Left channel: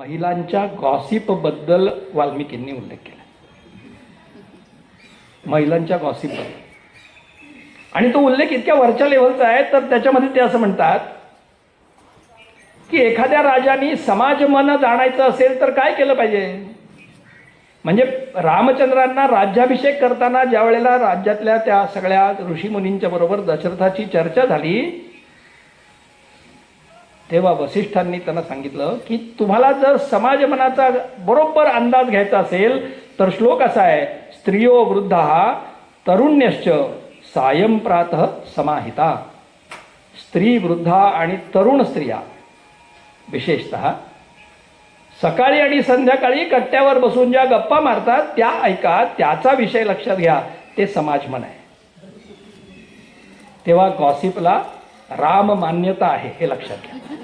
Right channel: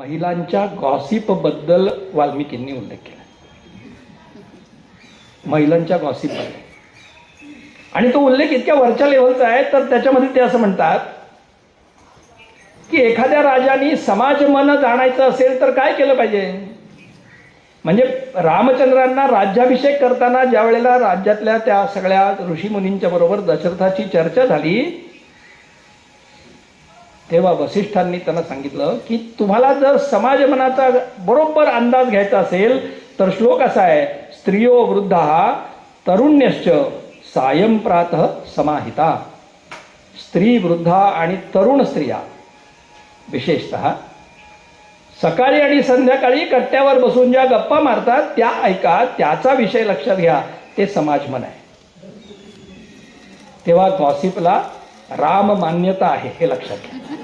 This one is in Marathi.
महिलांच्या गॉसिपबद्दल वाल्मिकींनी उल्लेख केला. महिलांच्या गॉसिप आणि तो उल्लेख इतक्या वरच्या लेवलचा आहे तर त्याच्यामध्ये ते असं म्हणतात की एखाद्या राजाने समाज मन जाणायचं असेल तर काय केलं पाहिजे? म्हणजे रामचंद्रांना राज्याभिषेक करताना ज्या वेळेला राज्यातल्या त्या सगळ्या ऋषीमुनींच्या बरोबर दशरथाची चर्चा झाली तेव्हा वसिष्ठांनी त्यांना सांगितलं की तुम्हाला जर समाज मनाचा बरोबर अंदाज घ्यायचा असेल तर श्लोक असा आहे स्त्रियो वृद्धा तरुण्यश्च सायंप्रात समाहिता. स्त्री वृद्धा आणि तरुण स्त्रिया विशेषतः सकाळी आणि संध्याकाळी कट्ट्यावर बसून ज्या गप्पा मारतात त्या ऐका त्याचा विषय लक्षात घ्या ते समाज मन आहे. तेव्हा गॉसिपला राम मान्यता आहे हे लक्षात घ्या.